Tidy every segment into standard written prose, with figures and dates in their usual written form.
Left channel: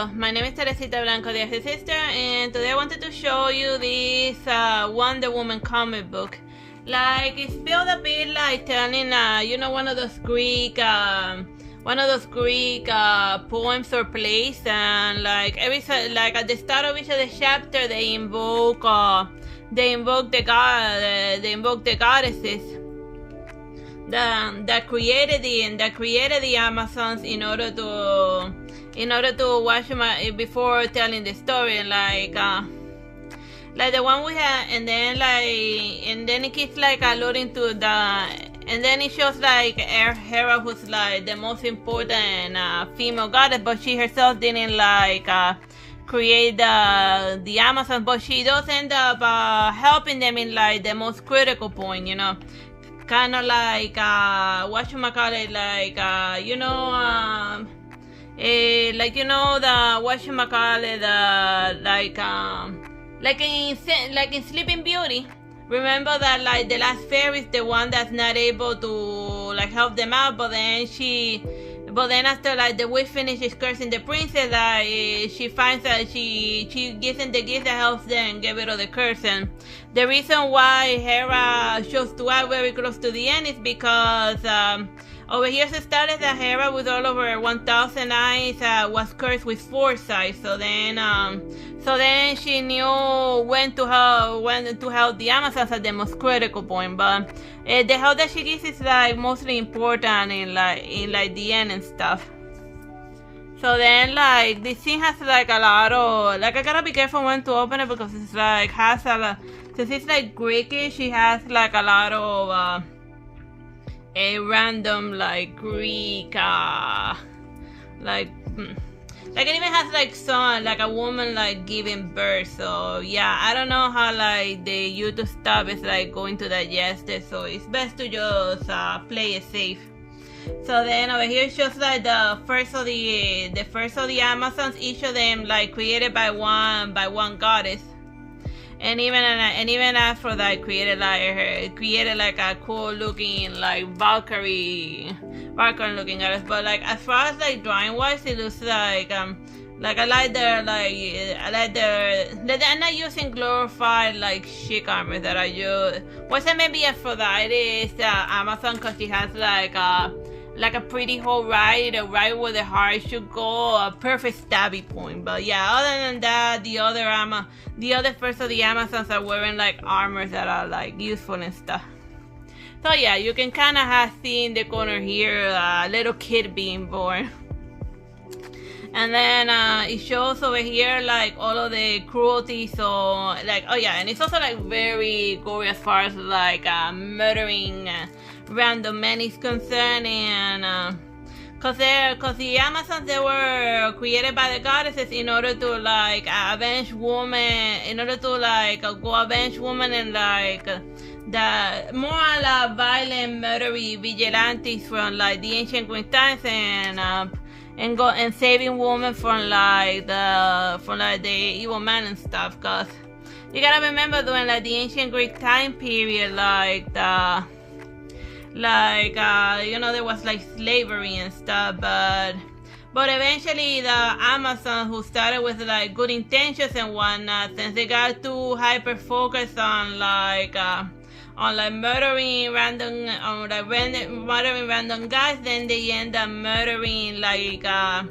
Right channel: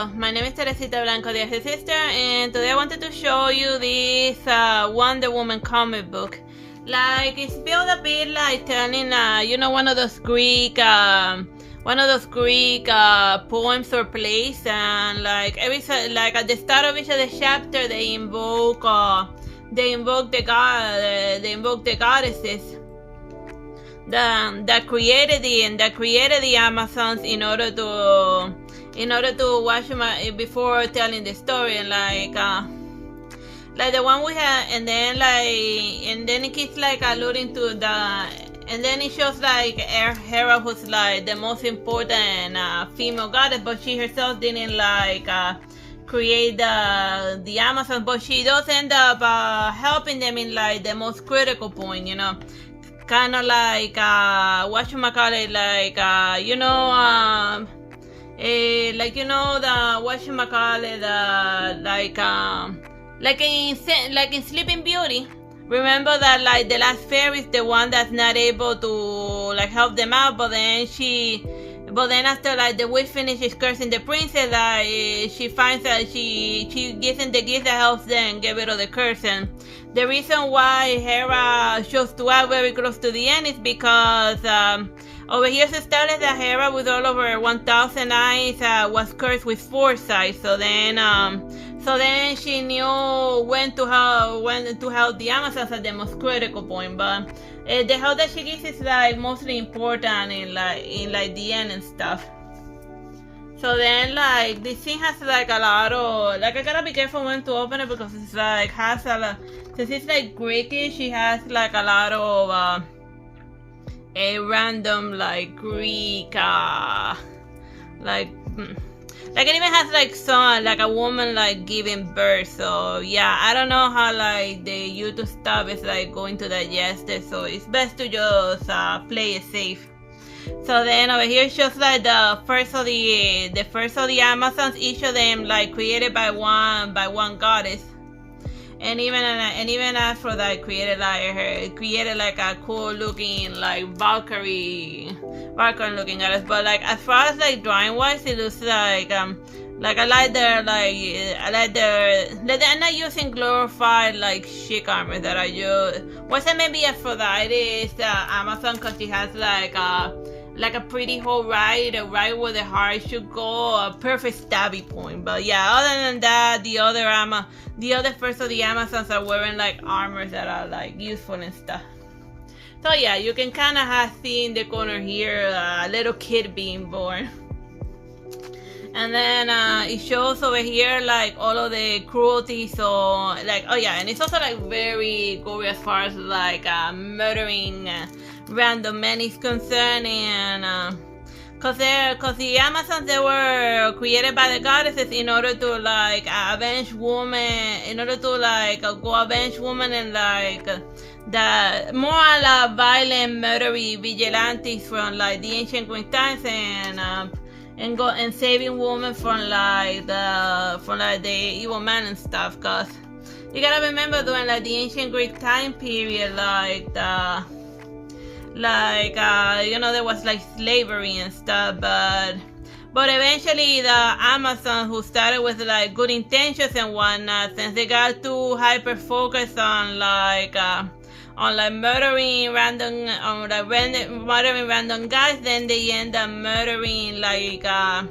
Hello, my name is Teresita Blanco, the Artsy Sister, and today I wanted to show you this Wonder Woman comic book. Like, it's built a bit like telling, one of those Greek poems or plays, and like at the start of each of the chapter, they invoke the goddesses that created the Amazons in order to watch them before telling the story, and like the one we had, and then it keeps like alluding to and then it shows like Hera, who's like the most important female goddess, but she herself didn't create the Amazon, but she does end up helping them in like the most critical point, kind of like whatchamacallit, like in Sleeping Beauty. Remember that like the last fairy is the one that's not able to like help them out, but then after like the witch finishes cursing the princess, she finds that she gives them the gift that helps them get rid of the curse. And the reason why Hera chose to act very close to the end is because over here it established that Hera, with all of her 1,000 eyes, was cursed with foresight. So then she knew when to help the Amazons at the most critical point. But the help that she gives is like mostly important in the end and stuff. So then like this scene has like a lot of I gotta be careful when to open it, because it's like has a lot, since it's like Greekish, she has like a lot of a random like Greek it even has like some like a woman like giving birth. So yeah, I don't know how like the YouTube stuff is like going to digest it, so it's best to just play it safe. So then over here shows like the first of the Amazons, each of them like created by one goddess. And even Aphrodite created like a cool looking like Valkyrie looking goddess. But like as far as like drawing wise, it looks like I like they're not using glorified like chic armor that I use. Wasn't maybe Aphrodite's Amazon, because she has like a pretty hole right where the heart should go, a perfect stabby point. But yeah, other than that, the other first of the Amazons are wearing like armors that are like useful and stuff. So yeah, you can kind of see in the corner here a little kid being born. And then it shows over here like all of the cruelty. So like, oh yeah, and it's also like very gory as far as like murdering random men is concerned. And cause the Amazons, they were created by the goddesses in order to like avenge women, go avenge women, and like the more violent murdery vigilantes from like the ancient Greek times, and saving women from the evil men and stuff. Cause you gotta remember, during like the ancient Greek time period, there was like slavery and stuff, but eventually the Amazon, who started with like good intentions and whatnot, since they got too hyper focused on murdering random guys, then they end up murdering like a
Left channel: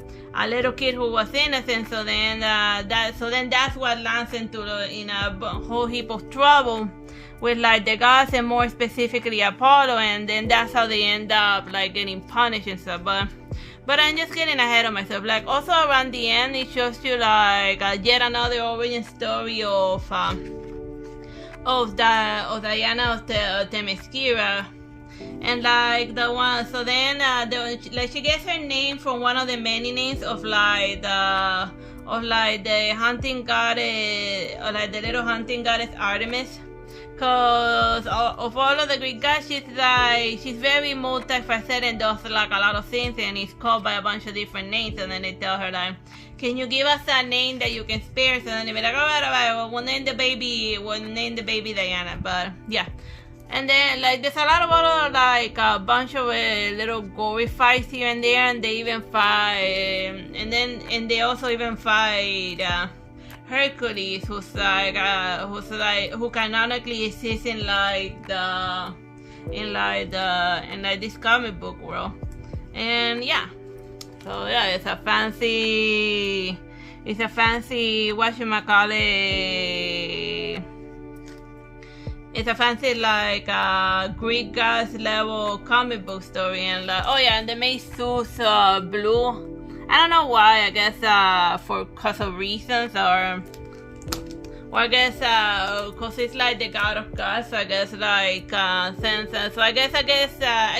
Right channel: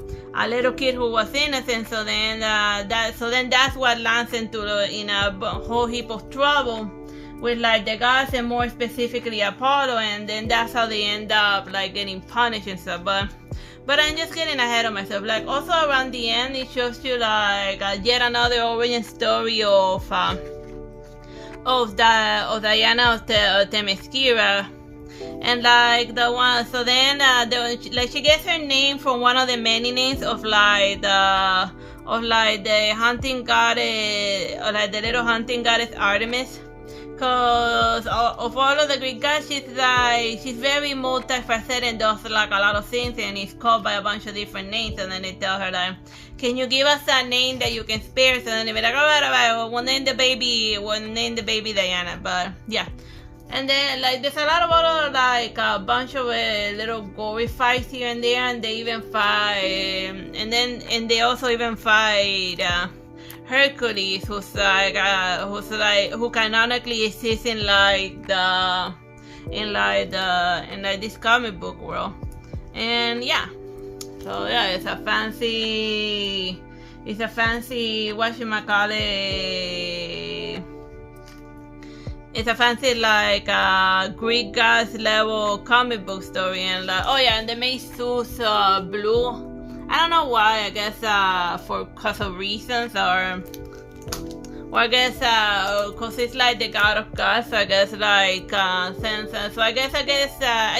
little kid who was innocent. So then that's what lands in a whole heap of trouble with like the gods, and more specifically Apollo, and then that's how they end up like getting punished and stuff. But I'm just getting ahead of myself. Like also around the end, it shows you like yet another origin story of Diana of Themyscira, and like the one. So then she gets her name from one of the many names of the hunting goddess, or like the little hunting goddess Artemis. Cause of all of the Greek gods, she's very multifaceted and does like a lot of things, and is called by a bunch of different names. And then they tell her like, can you give us a name that you can spare? So then they be like, all right, we'll name the baby Diana. But yeah, And then like there's a lot of other like a bunch of little gory fights here and there, and they even fight, and they also even fight Hercules, who canonically exists in this comic book world. And yeah, so yeah, it's a fancy whatchamacallit. It's a fancy like Greek gods level comic book story, and like, oh yeah, and they made Zeus blue. I don't know why. I guess cause of reasons, or I guess cause it's like the god of gods. So I guess like sense. So I guess I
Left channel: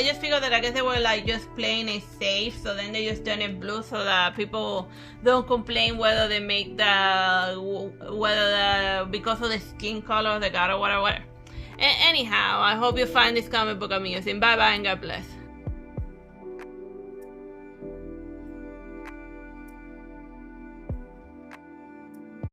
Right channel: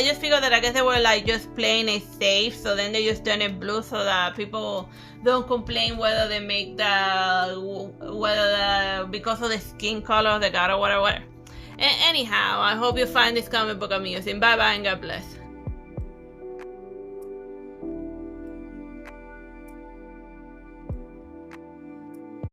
just figured that I guess they were like just playing it safe. So then they just turn it blue so that people don't complain whether they make because of the skin color of the god or whatever. Anyhow, I hope you find this comic book amusing. Bye bye and God bless.